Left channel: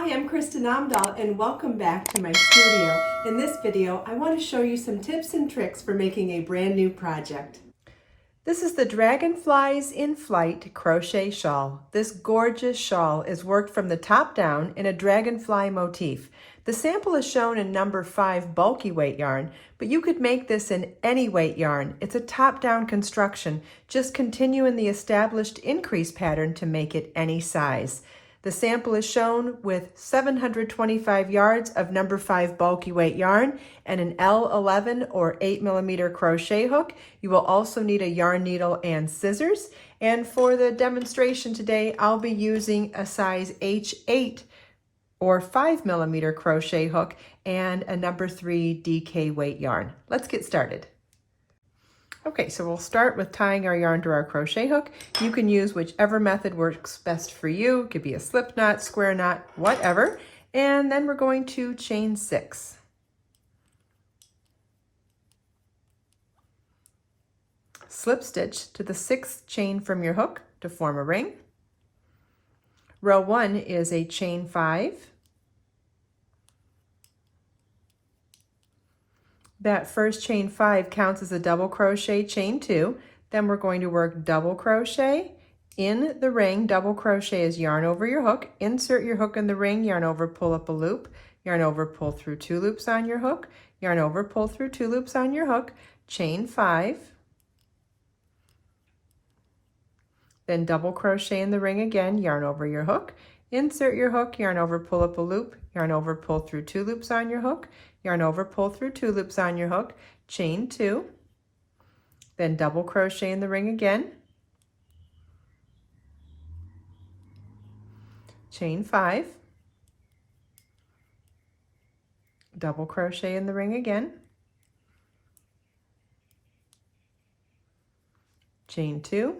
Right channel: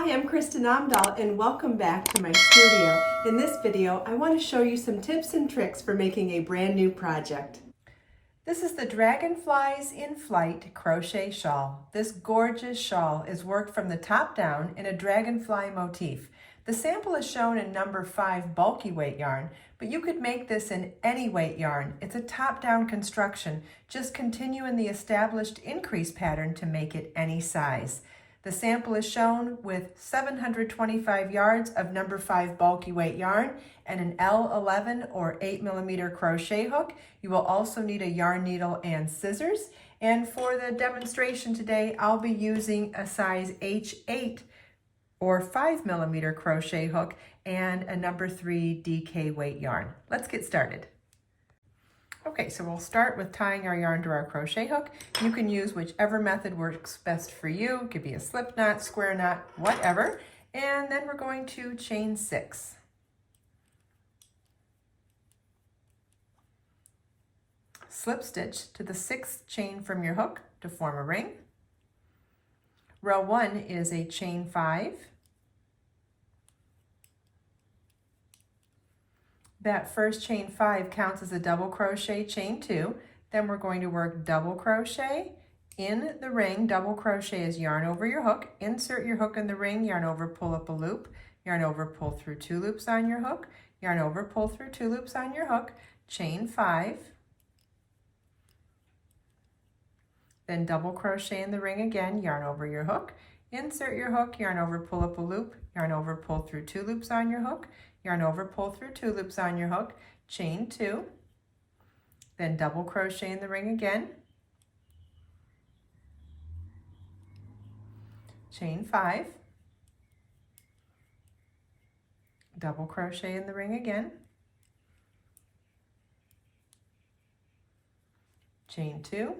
Hi, I'm Kristin Omdahl and welcome back to my studio. In this video, I want to show you some tips and tricks for making a brand new project. This is the Dragonflies in Flight Crochet Shawl. This gorgeous shawl is worked from the top down in a dragonfly motif. The sample is shown in number 5 bulky weight yarn, but you could make this in any weight yarn. It's a top-down construction. Just continue in the established increase pattern to make it any size. The sample is shown with 725 yards of number 5 bulky weight yarn and an L11 or 8mm crochet hook. You will also need a yarn needle and scissors. And for the demonstration today, I'll be using a size H8 or 5mm crochet hook and a number 3 DK weight yarn. Let's get started. Okay, so we'll start with tying our yarn to our crochet hook. You can use whichever method works best for you. It could be a slip knot, square knot, whatever. And then we're going to chain 6. Slip stitch to the 6th chain from your hook to form a ring. Row 1 is a chain 5. That first chain 5 counts as a double crochet chain 2. Then we're going to work double crochet in the ring. Double crochet is yarn over your hook. Insert your hook in the ring, yarn over, pull up a loop, yarn over, pull through 2 loops on your hook, yarn over, pull through 2 loops on your hook, chain 5. Then double crochet in the ring again, yarn over your hook, insert your hook, yarn over, pull up a loop, yarn over, pull through 2 loops on your hook, yarn over, pull through 2 loops on your hook, chain 2, then double crochet in the ring again, chain 5, double crochet in the ring again, chain 2,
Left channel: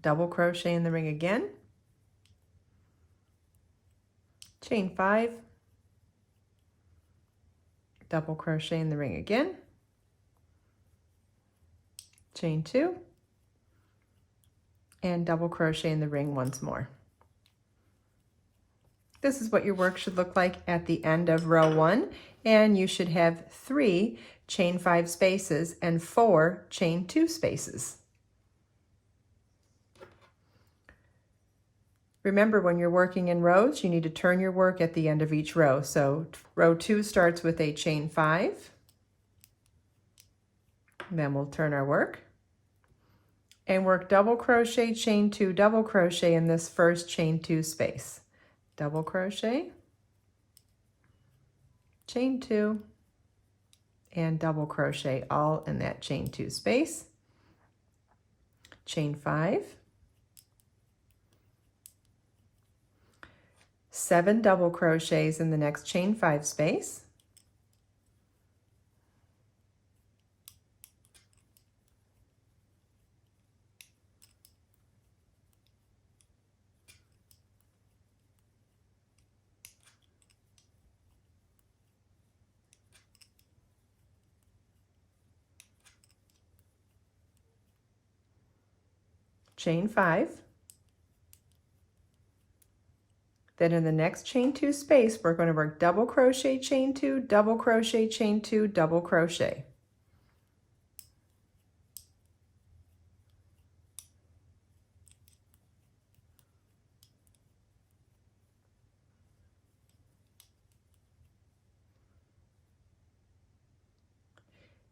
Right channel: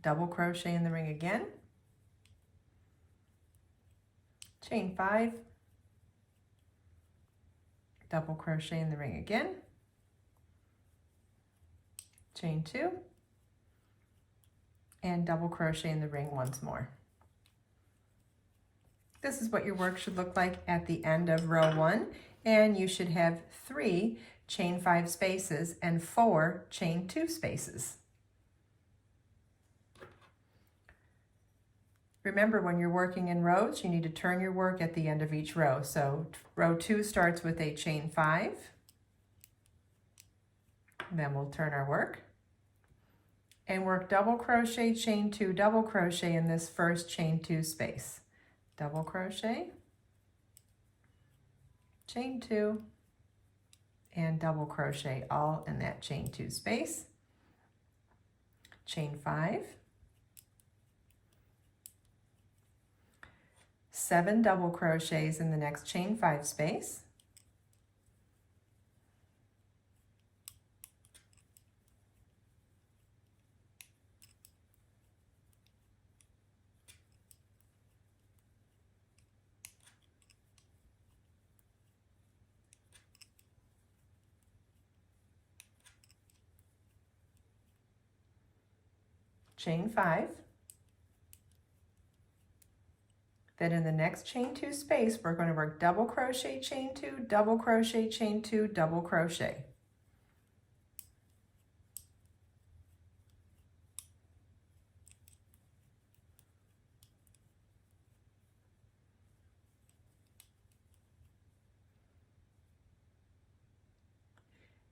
double crochet in the ring again, chain 5, double crochet in the ring again, chain 2, and double crochet in the ring once more. This is what your work should look like at the end of row 1, and you should have 3 chain 5 spaces and 4 chain 2 spaces. Remember, when you're working in rows, you need to turn your work at the end of each row. So row 2 starts with a chain 5. And then we'll turn our work and work double crochet, chain 2, double crochet in this first chain 2 space. Double crochet, chain 2, and double crochet all in that chain 2 space. Chain 5. 7 double crochets in the next chain 5 space. Chain 5. Then in the next chain 2 space, we're going to work double crochet, chain 2, double crochet, chain 2, double crochet.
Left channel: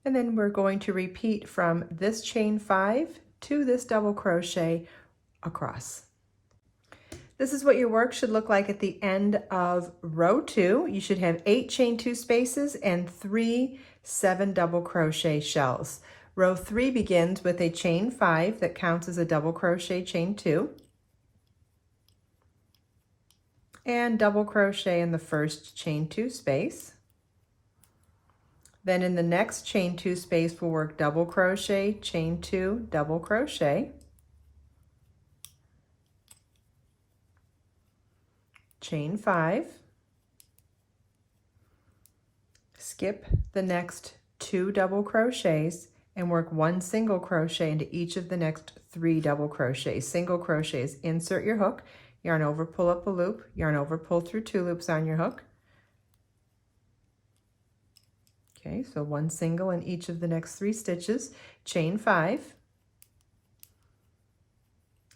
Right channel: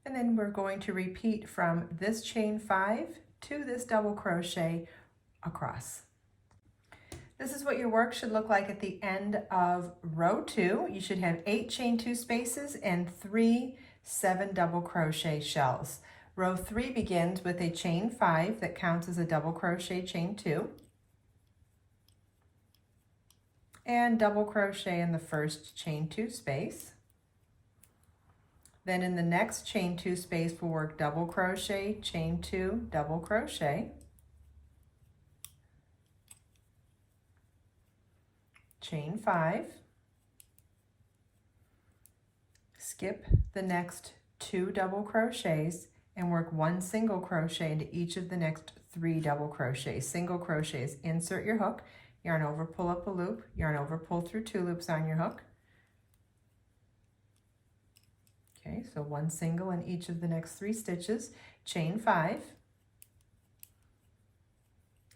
And then we're going to repeat from this chain 5 to this double crochet across. This is what your work should look like at the end of row 2. You should have 8 chain 2 spaces and 3 7 double crochet shells. Row 3 begins with a chain 5 that counts as a double crochet chain 2 and double crochet in the first chain 2 space. Then in the next chain 2 space, we'll work double crochet, chain 2, double crochet, chain 5, skip the next 2 double crochets and work 1 single crochet into each of the next 3 double crochets. Single crochets, insert your hook, yarn over, pull up a loop, yarn over, pull through 2 loops on your hook. Okay, so 1 single in each of the next 3 stitches, chain 5,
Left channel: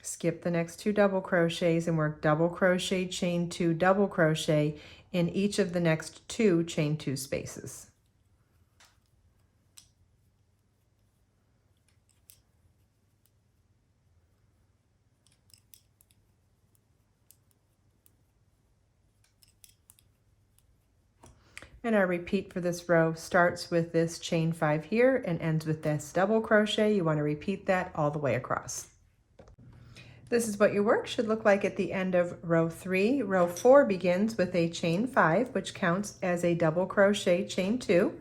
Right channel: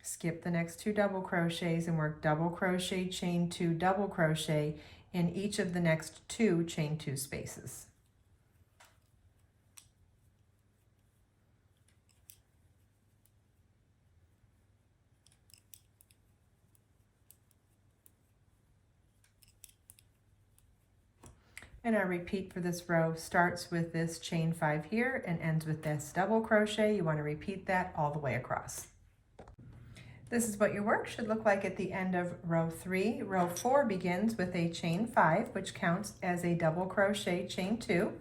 skip the next 2 double crochets and work double crochet, chain 2, double crochet in each of the next 2 chain 2 spaces. And our repeat for this row starts with this chain 5 here and ends with this double crochet. You want to repeat that all the way across. This is what your work should look like at the end of row 3. Row 4 begins with a chain 5, which counts as a double crochet chain 2,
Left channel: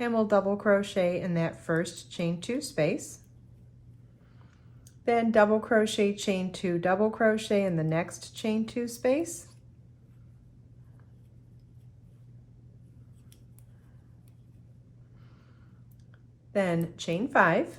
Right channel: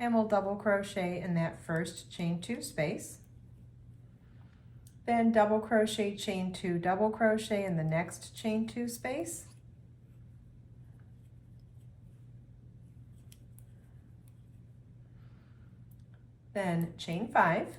and we'll double crochet in that first chain 2 space. Then double crochet chain 2, double crochet in the next chain 2 space. Then chain 5.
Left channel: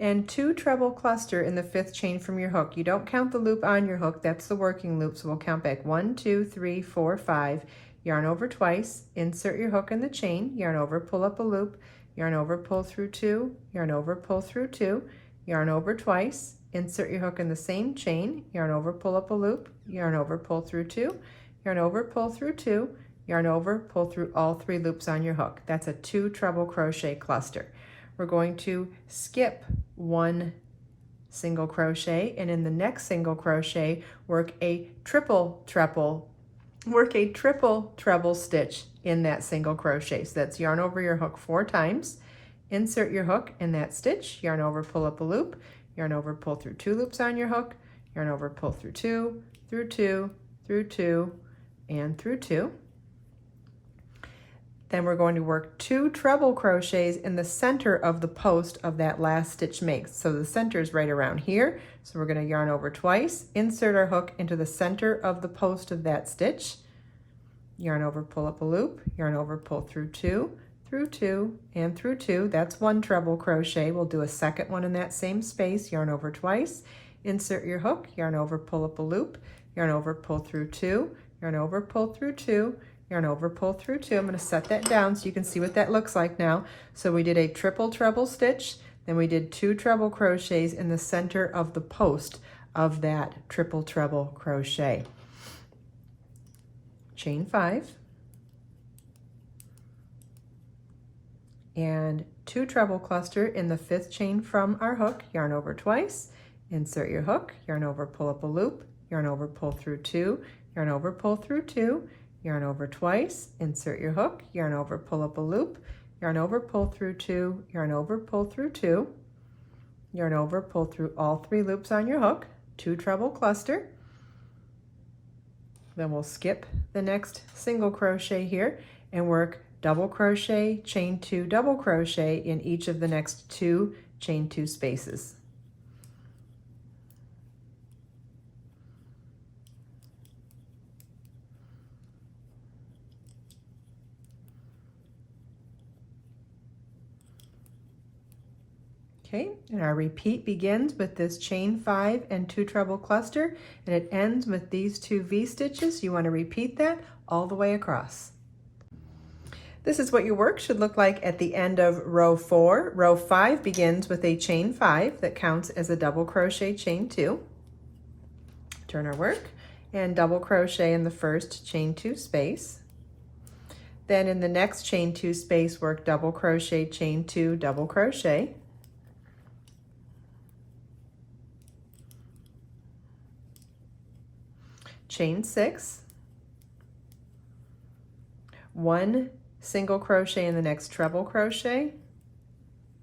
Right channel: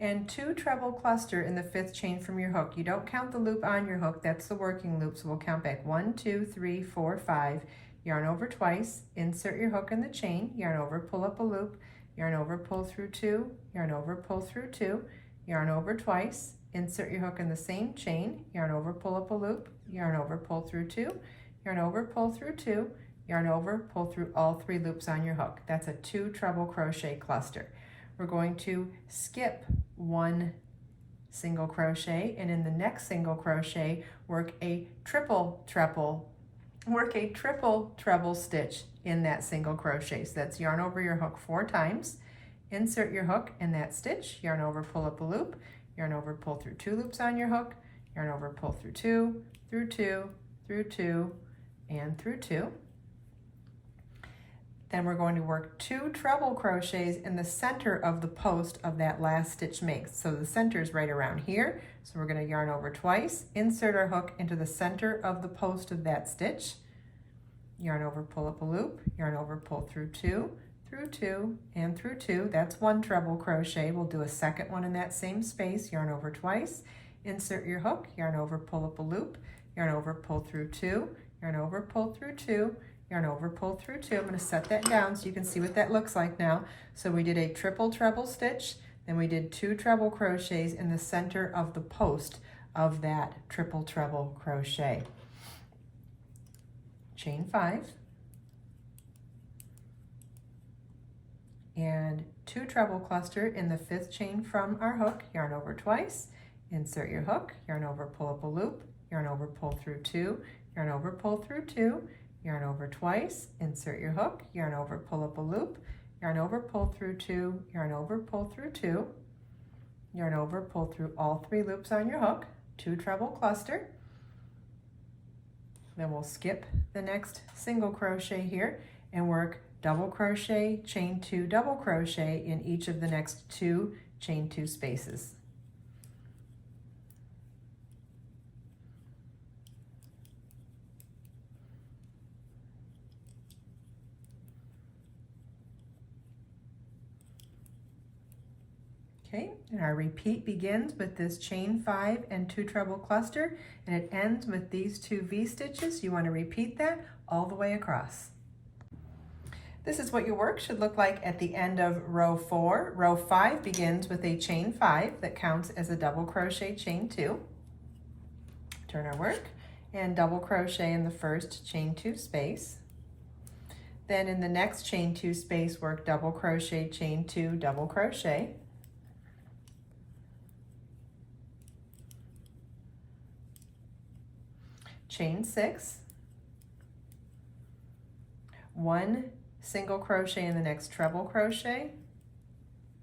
And 2 treble cluster in the 5th chain from your hook. You don't count the loop on your hook, that's the working loop, so we'll count back 1, 2, 3, 4, 5, yarn over twice, insert your hook in the chain, yarn over, pull up a loop, yarn over, pull through 2, yarn over, pull through 2, yarn over twice, insert your hook in the same chain, yarn over, pull up a loop, yarn over, pull through 2, yarn over, pull through 2, yarn over, pull through all 3 loops on your hook. That's a 2 treble crochet cluster. We're going to skip 1 single crochet, and in the next single crochet work a triple treble stitch in that single crochet. So that's yarn over your hook 4 times, insert your hook in that stitch, yarn over, pull up a loop, yarn over, pull through 2 loops on your hook, yarn over, pull through 2, through 2, through 2, and through 2. Then we're going to work 2 treble crochets in the center of the post of that last stitch makes. So the center is right around here. So we're going to yarn over twice, insert our hook into the center of the post of that stitch, yarn over, pull up a loop, yarn over, pull through 2, through 2, and through 2. That's 1 treble crochet. We'll do a second one in that same space, yarn over twice, insert your hook, yarn over, pull up a loop, yarn over, pull through 2, yarn over, pull through 2, yarn over, pull through 2. I'm going to set that down so you can see what that looks like now. So we did a triple treble stitch, then we did 2 treble crochets in the center of the post of that triple treble crochet. Chain 5 and 2 treble cluster in the 5th chain from our hook, yarn over twice, insert your hook, yarn over, pull up a loop, yarn over, pull through 2, yarn over, pull through 2, yarn over twice, insert your hook, yarn over, pull up a loop, yarn over, pull through 2, yarn over, pull through 2, yarn over, pull through all 3 loops on your hook, 2 treble cluster. Then we'll skip the next single crochet here and work double crochet, chain 2, double crochet in each of the next 2 chain 2 spaces. Okay, and our repeat begins with this chain 5 and 2 treble cluster, and it ends with these 2 V-stitches. You want to repeat that all the way across. This is what your work should look like at the end of row 4. Row 5 begins with a chain 5 that counts as a double crochet chain 2. Turn our work and double crochet in the first chain 2 space. Then in the next chain 2 space, work double crochet, chain 2, double crochet. Chain 6, 1 single crochet in the next treble crochet,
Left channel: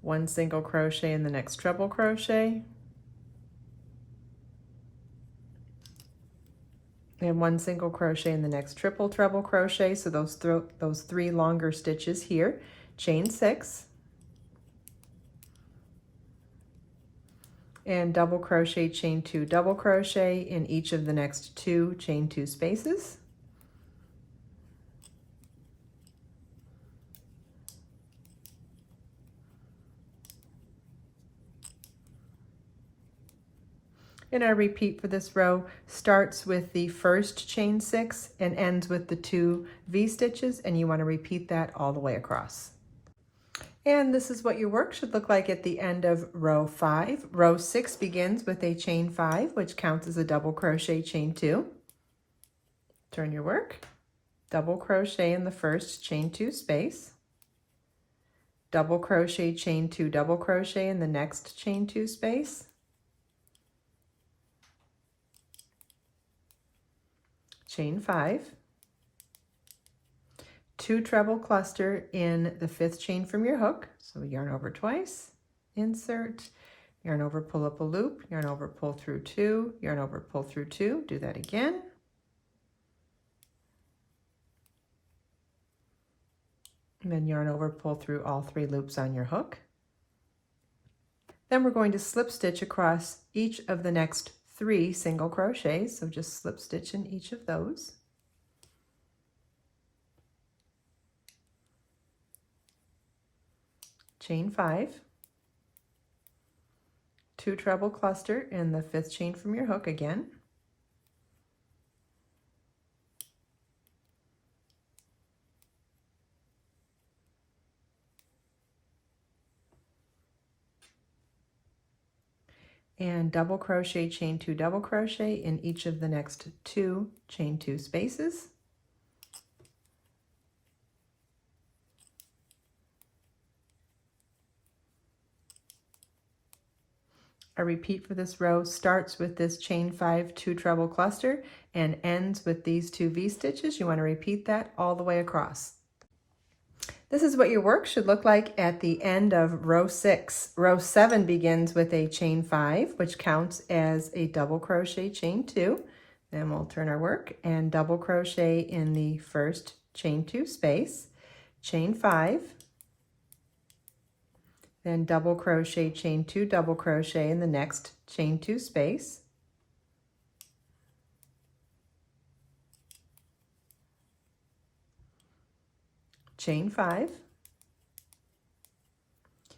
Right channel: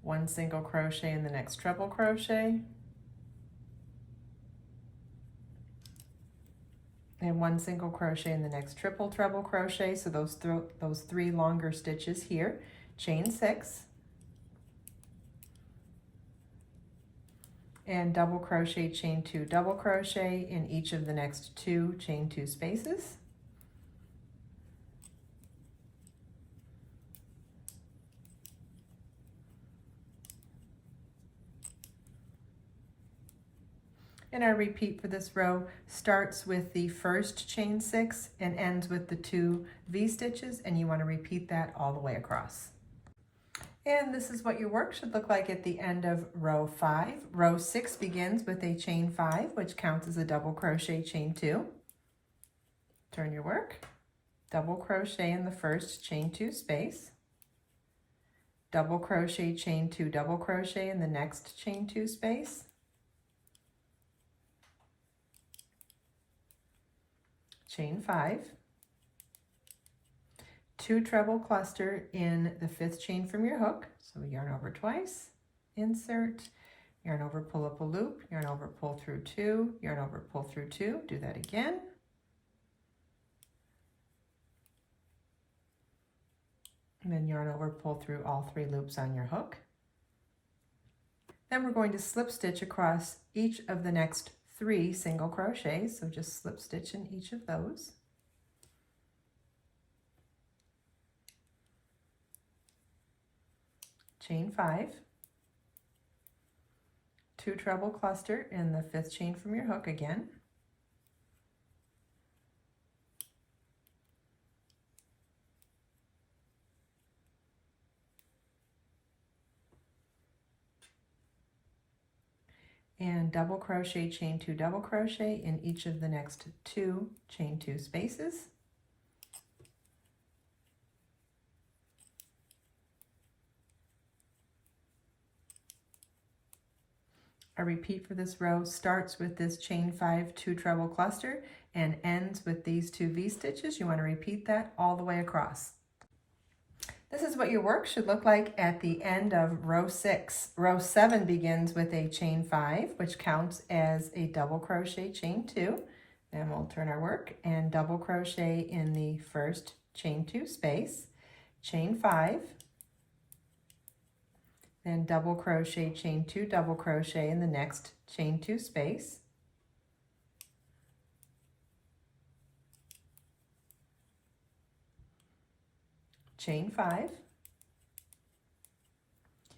1 single crochet in the next treble crochet, and 1 single crochet in the next triple treble crochet. So those 3 longer stitches here. Chain 6, and double crochet, chain 2, double crochet in each of the next 2 chain 2 spaces. And our repeat for this row starts with the first chain 6 and ends with the 2 V-stitches, and you want to repeat that all the way across. And this is what your work should look like at the end of row 5. Row 6 begins with a chain 5, which counts as a double crochet chain 2. Turn your work, double crochet in the first chain 2 space, double crochet chain 2, double crochet in the next chain 2 space, chain 5, 2 treble cluster in the 5th chain from your hook, so yarn over twice, insert, yarn over, pull up a loop, yarn over, pull through 2, yarn over, pull through 2, do that again, and then yarn over, pull through all 3 loops on your hook. Then we're going to slip stitch across each of the next 3 single crochets, so just slip stitch in each of those. Chain 5, 2 treble cluster in the 5th chain from your hook again, and double crochet, chain 2, double crochet in each of the next 2 chain 2 spaces. A repeat for this row starts with this chain 5, 2 treble cluster and ends with these 2 V-stitches. You want to repeat that all the way across. This is what your work should look like at the end of row 6. Row 7 begins with a chain 5, which counts as a double crochet chain 2. Then we'll turn our work and double crochet in the first chain 2 space, chain 5, then double crochet, chain 2, double crochet in the next chain 2 space, chain 5,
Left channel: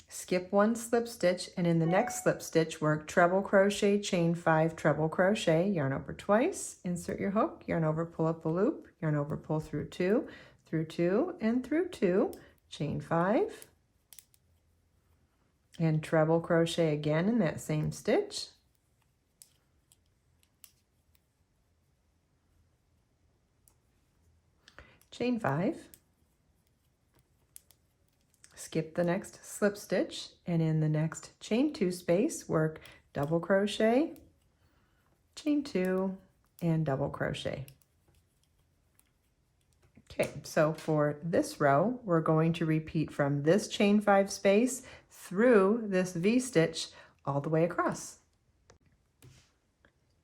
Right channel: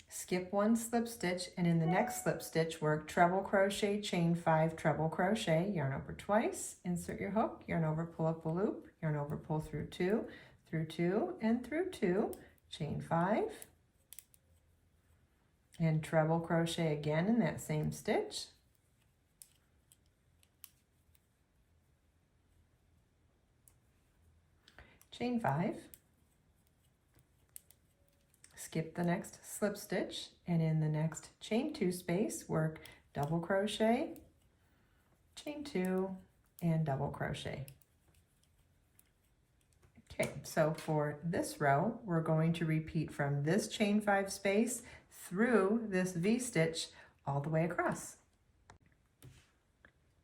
skip 1 slip stitch, and in the next slip stitch work treble crochet, chain 5, treble crochet, yarn over twice, insert your hook, yarn over, pull up a loop, yarn over, pull through 2, and through 2, chain 5, and treble crochet again in that same stitch, chain 5, skip the next slip stitch, and in the next chain 2 space work double crochet, chain 2, and double crochet. Okay, so for this row we're going to repeat from this chain 5 space through this V-stitch all the way across.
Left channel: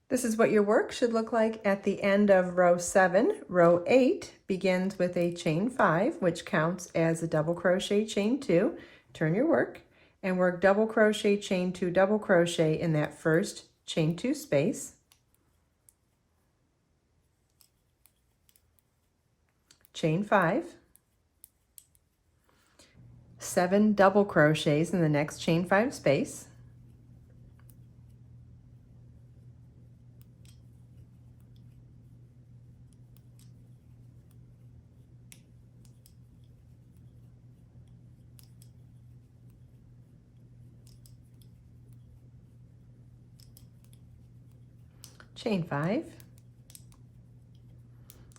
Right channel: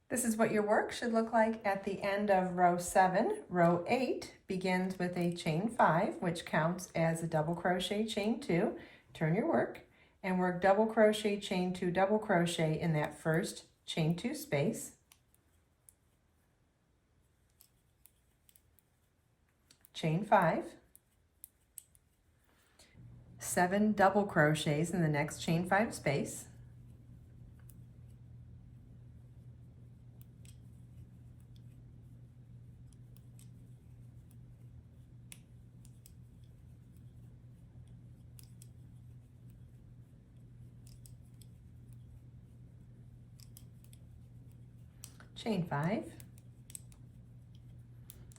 This is what your work should look like at the end of row 7. Row 8 begins with a chain 5, which counts as a double crochet chain 2. Turn your work and work double crochet, chain 2, double crochet in that first chain 2 space, chain 5, 7 double crochets in the next chain 5 space, chain 5,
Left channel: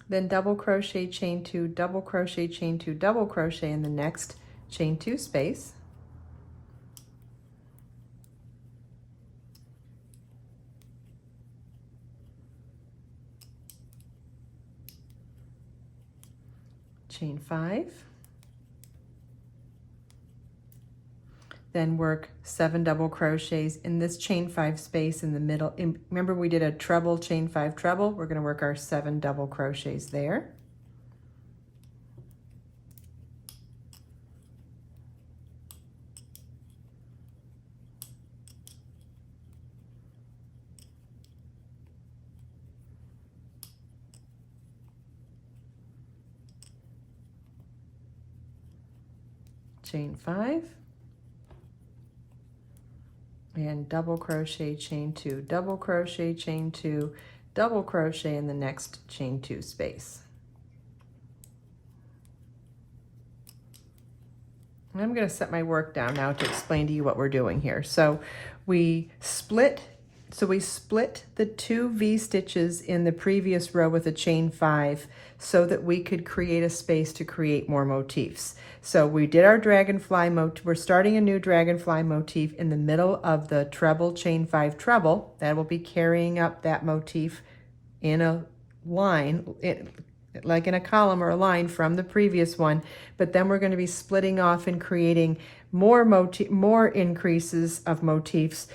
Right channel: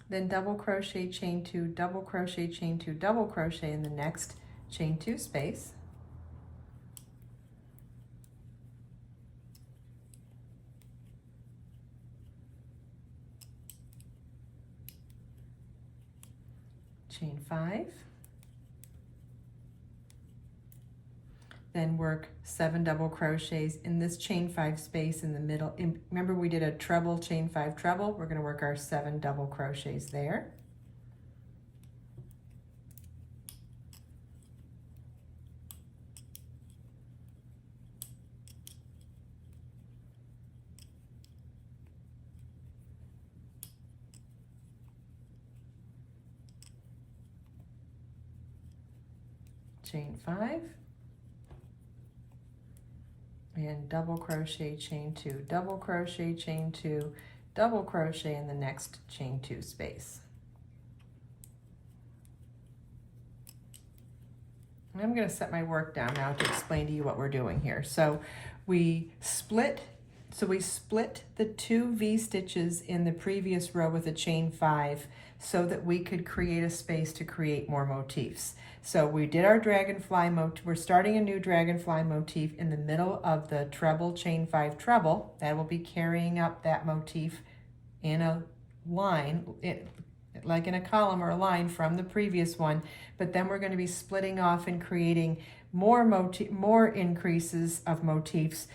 then double crochet, chain 2, double crochet, chain 2, double crochet in the next chain 2 space, chain 5, then work 7 double crochets in this chain 5 space in the middle. Remember we did a treble, chain 5 treble. We're going to work our 7 double crochets there. Chain 5, and double crochet, chain 2, double crochet, chain 2, double crochet in the next chain 2 space. And I'm going to set my work down now to explain to you what we're doing here. So we split the 2 V-stitches in the previous row with a chain 5 so that we could create a space to create more motifs. So we did our dragonfly motif. We're starting a new dragonfly motif in the middle of the treble, chain 5 treble. That will be carrying up that motif in a line, like in a column or a line from the previous one. But then we're going to be splitting off and creating more increases of motifs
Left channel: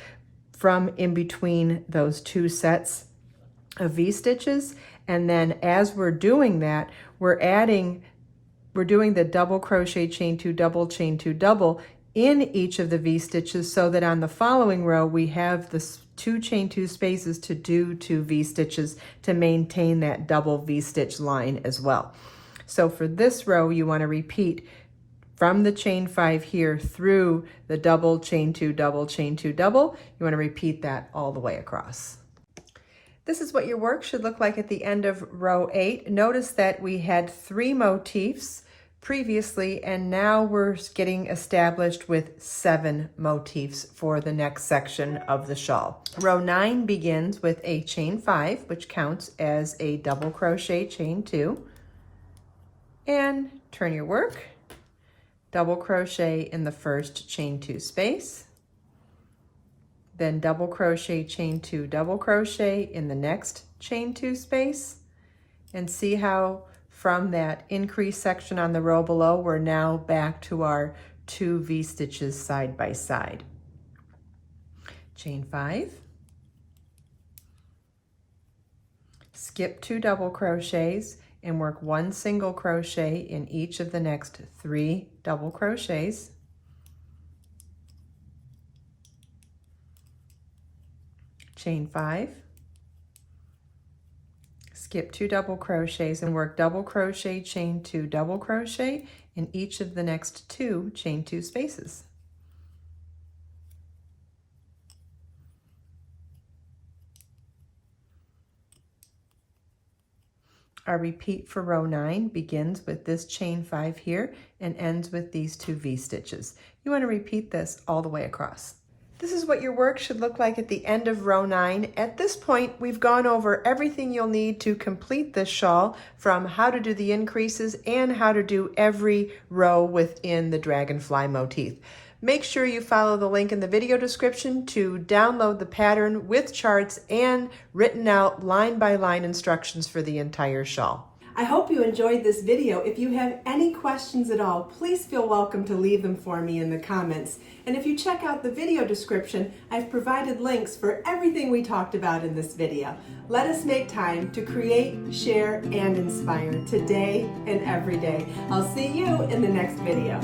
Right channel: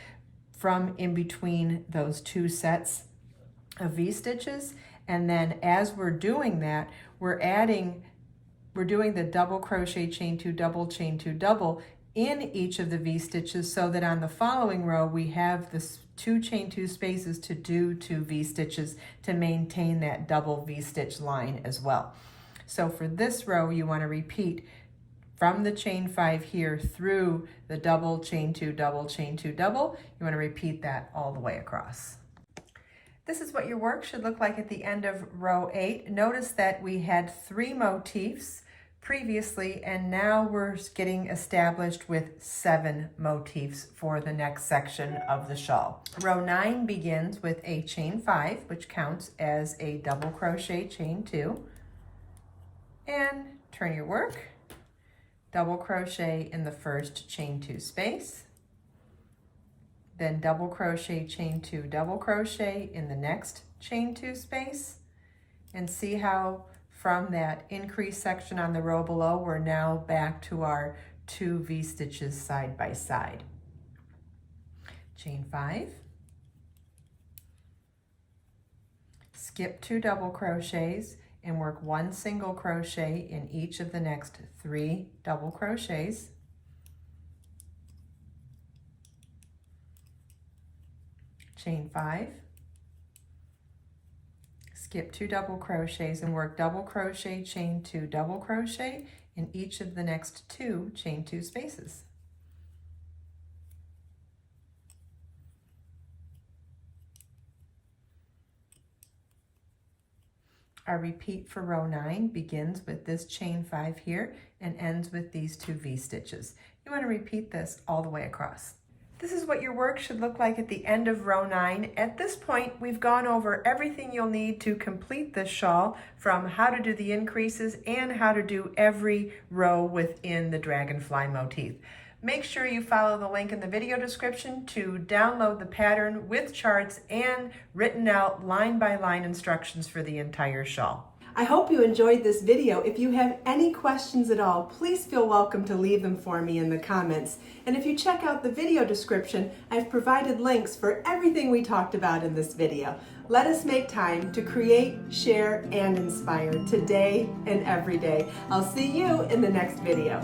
from in between those 2 sets of V-stitches. And then as we're doing that, we're doing the double crochet, chain 2, double, chain 2, double in each of the V-stitches so that on the following row we have the 2 chain 2 spaces to do 2 V-stitches to maintain that double V-stitch line as well. So for this row, you want to repeat from the chain 5 here through the double, chain 2, double, chain 2, double. You want to repeat that all the way across. This is what your work should look like at the end of row 8. Notice that we had 3 motifs previously, and now we're getting established with 7 motifs for the next section of the shawl. Row 9 begins with a chain 5, which counts as a double crochet, chain 2, and turn your work, double crochet in the first chain 2 space, then double crochet, chain 2, double crochet in the next chain 2 space, and see how from that increased section on the row below, we're now back to our 2 V-stitches side by side. Chain 5, skip 2 double crochets and work 1 single crochet in each of the next 3 double crochets. Chain 5, skip 2 double crochets and work double crochet, chain 2, double crochet in each of the next 2 chain 2 spaces. Our repeat for row 9 begins with this chain 5 here and ends with these 2 V-stitches. You want to repeat this all the way across. This is what your work should look like at the end of row 9. At this point, we've gone over everything you'll need to complete this shawl, from how to do the increases and how to do every row within the dragonfly motif. Make sure you follow the link in the video description to download the pattern with charts and written out line-by-line instructions for the entire shawl. I hope you enjoyed this video. If you have any questions at all, please feel welcome to leave them for me in the comments. And if you check out the video description, I've provided links for everything we talked about in this video. Let us make time to create, share, and inspire today and every day. I'll see you in the next video.